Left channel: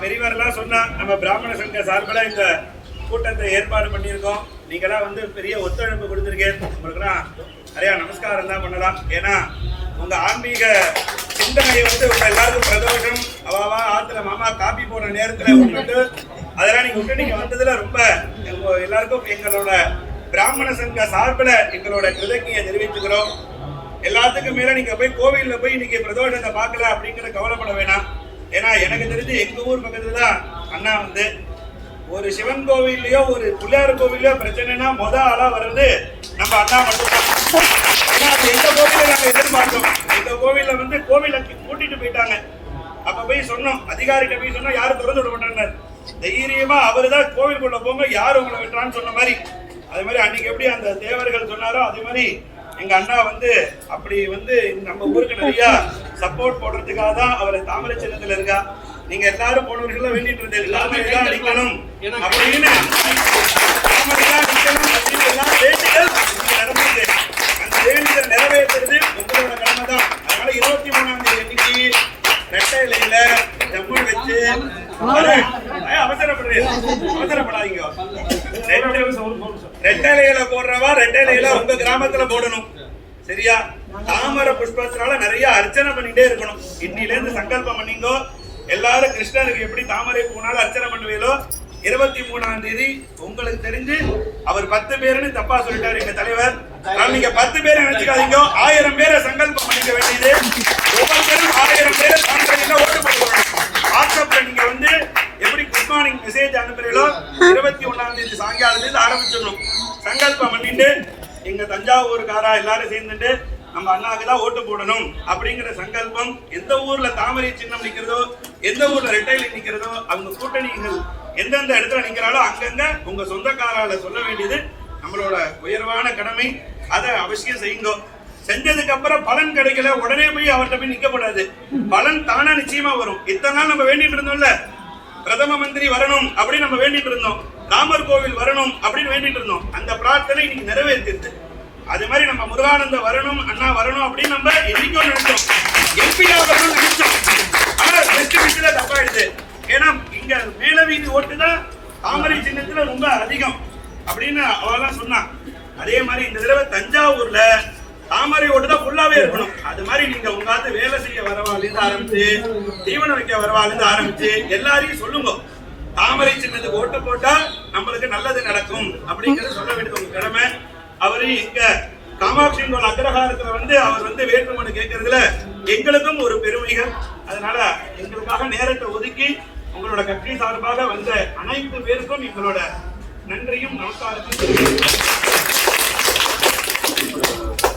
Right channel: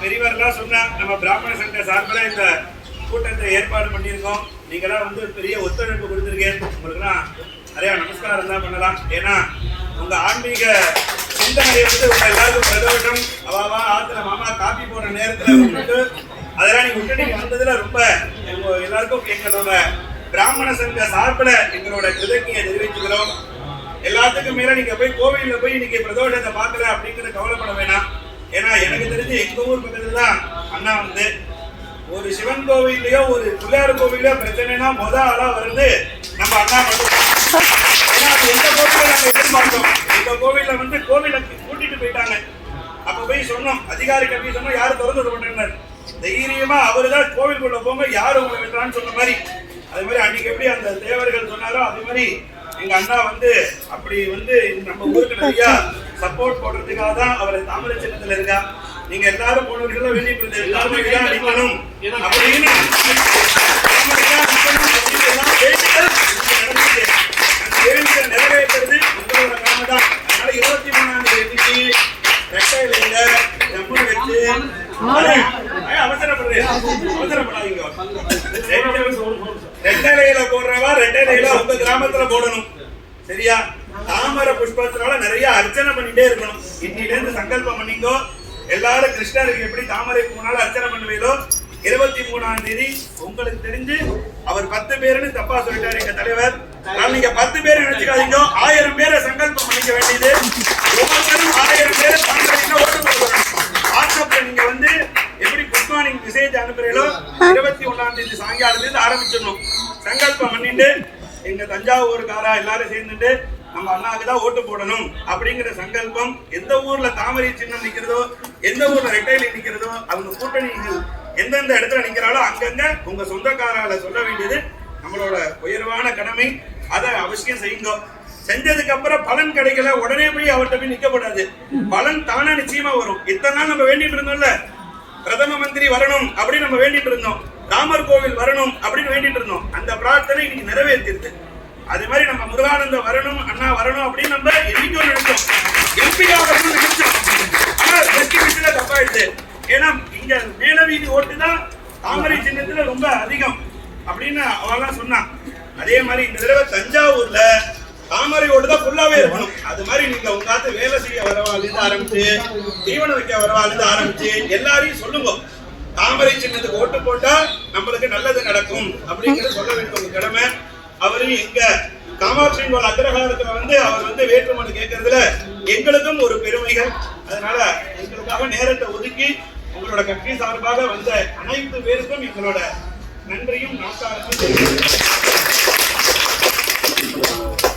பெரியவரெல்லாம் சொன்னா நம்ம பிராமண சங்க சார்பில் இந்த கூட்டத்தை ஏற்பாடு பண்ணியிருக்கோம். நீங்களாம் வந்து பெரிய ஒத்துழைப்பு கொடுத்துருக்கீங்க. உங்களுக்குலாம் நிறையா நமஸ்காரம் தான் பண்ணலாம். ஏன்னா உங்க ஆன்மீக சிந்தனையை வந்து உங்க எல்லாருக்கும் பிரதோஷம் அவாவா ஆத்துல மாமா காப்பி போடுற நேரத்துல விட்டுட்டு அதெல்லாம் நீங்க விட்டு நீங்க வந்ததுல ரொம்ப எல்லாருக்கும் எங்களோட பிராமண சங்க சார்பில் எங்களோட கிருதஜ்ஞையை தெரிவிச்சுக்கிறோம். எல்லாத்துக்கும் மேல நீங்க போய் கோவில்ல போய் இன்னைக்கு பிரதோஷத்தை பார்க்கல அப்படிங்கிற கவலைப்பட வேணாம். ஏன்னா எனக்கு தெரிஞ்சு எங்க ஊர் பக்கத்துல தான் அண்ணா வந்து ஒரு சிவன் கோவிலையோ ஒரு பிள்ளையார் கோவிலையோ பிரச்சனைனா ஆளா வருது நம்ம அண்ணா மட்டும்தான். ஏன்னா அது எந்த கோவில நாங்க எதிர்பார்த்தோம். எங்க கோவில்ல வந்து கோவில கூட்டிட்டு போயிட்டாங்க. அப்ப போய் சொன்னோம், அதிகாரிக்கு போய் சொன்னோம், யாரும் திறந்து விட மாட்டேன்னாரு. தைரியமா அவருதான் கோவிலுக்குள்ள போங்க, யாரும் உங்களை விட்டுறான்னு சொன்ன மாதிரி அது மாதிரி அன்னைக்கு எப்படி அந்த தேவர்கள் சொன்னாரோ அதே மாதிரி எங்க அண்ணா வந்து அப்படி வந்து நம்ம ஊருக்கு நிறைய சப்போர்ட் போடுறதுக்காக தான் அவர் தாமரை சின்னத்துல இருக்கா. நீங்க எல்லாரும் போனவர்கள் வேண்டிட்டு இருந்தது எல்லாருமே நிக்கணும் அப்படின்னு நிறைவேற்றுறது உங்களோட கடமை தான். அதனால 23ஆம் தேதி அன்னைக்கு ரெட்டை இலையில செம்மண் வச்சு அவசரப்படாதீங்க. ரெட்டை இலையில போடுறவா ரெட்டை இலையில உங்க கிராமத்துல போடணும். சரியா? தாமரை புஷ்பத்தினால நிறைய அர்ச்சனை பண்ணிட்டே இருக்கணும். இன்னில இருந்து சங்கல்பம் பண்ணீங்கோ. எல்லாரும் கிருஷ்ணருக்கு எப்படி தாமரை பூனால அர்ச்சனை பண்ணுவீங்களோ 23ஆம் தேதி உங்களுக்கு தெரிஞ்சு அவர் 10 பேருன்னு தப்பா சொல்லிட்டாரு எங்க தலைவர். நீங்க 10 பேரை நினைச்சுக்காதீங்க, 1000 பேரை சங்கல்பம் பண்ணிக்க வேண்டியது. ஒவ்வொருத்தரும் 1000 பேரை தாமரையில ஓட்டு போடுவாங்க. வாட்ஸ்அப்ல நீங்க வந்து எப்படி குட் மார்னிங் மெசேஜ் அனுப்புறீங்களோ 21ஆம் தேதி சாயங்காலத்துல இருந்து ஆரம்பிச்சிடணும். சங்கல்பம் பண்ணிட்டு எங்க தஞ்சாவூருக்காரா எல்லாரும் சேர்ந்துட்டு நம்ம அண்ணாக்கு தான் ஓட்டு போடணும் அப்படிங்கிற சங்கல்பம். எந்த ஊர்ல தாமரை சின்னம் நிக்கிறதோ எந்த ஊர்ல ரெட்டையில நிக்கிறதோ அவங்க கூட்டணிகள் எந்தெந்த இடத்துல நிக்கிறாலோ அங்கங்க உங்க சொந்தக்காரால சொல்ல வேண்டியது நம்மளோட உயர்வான கடமை. அதை அவசியம் செய்யுங்க. செஞ்சதுக்கு அப்புறம் பலன் கிடைக்கல உடனே போய் அவர்கிட்ட போய் நிக்கப்படாது. பலன் தானா நிச்சயமா வரும். இத்தனை நாள் நம்ம வேண்டிட்டு இருந்தோம்ல, பிரதம மந்திரி வரணும் அப்படின்னு நம்ம வேண்டிட்டு இருந்தோம், ராமர் கோவில் வரணும் அப்படின்னு வேண்டிட்டு இருந்தோம். அந்த பிரார்த்தனை இன்னைக்கு நிறைவேற்றிருது. அதே மாதிரி நம்ம முருகானந்த வரணும், அண்ணா வரணும் அப்படின்னு நம்ம என்னைக்கும் நினைச்சோம், எம்பியா வரணும்னு நினைச்சோம். ஆனா டிஸ்ட்ரிபியூஷன்ல தப்பாயிடுது. ஏன்னா இங்க மேலவீதி ஓட்டு தான் தாமரை சின்னத்துல ரொம்ப அதிகம் அப்படின்னு அவெல்லாம் சொன்னான். அதே மாதிரி இந்த தடவை தஞ்சாவூர்ல தாமரை ஓட்டு தான் ஃபுல்லாவே இருக்கணும். அது மாதிரி நீங்க உங்காத்து வேலை செய்ய வரவாலிருந்து ஆரம்பிச்சு தீவனம் வைக்க வரவாலிருந்து ஆரம்பிச்சு எல்லாரையும் சொல்லுங்க, தாமரை சின்னத்துக்கு ஓட்டு போட்டா நம்மளுக்கு நல்லது நடக்கும் அப்படிங்கறத சொல்ல வேண்டியது உங்க கடமை. அவரு எங்க காமாட்சி அக்ரஹாரத்துல வந்து அவர் வந்து வேட்புமனு கேட்கறதுல எங்களுக்கும் ஒரு பெருமைகள். அதனால எங்களுக்காக நேரத்தை ஒதுக்கி உங்களோட கட்சி சார்பாக வந்த அனைத்து பேருக்கும் எங்களோட நன்றியும் நமஸ்காரத்தையும்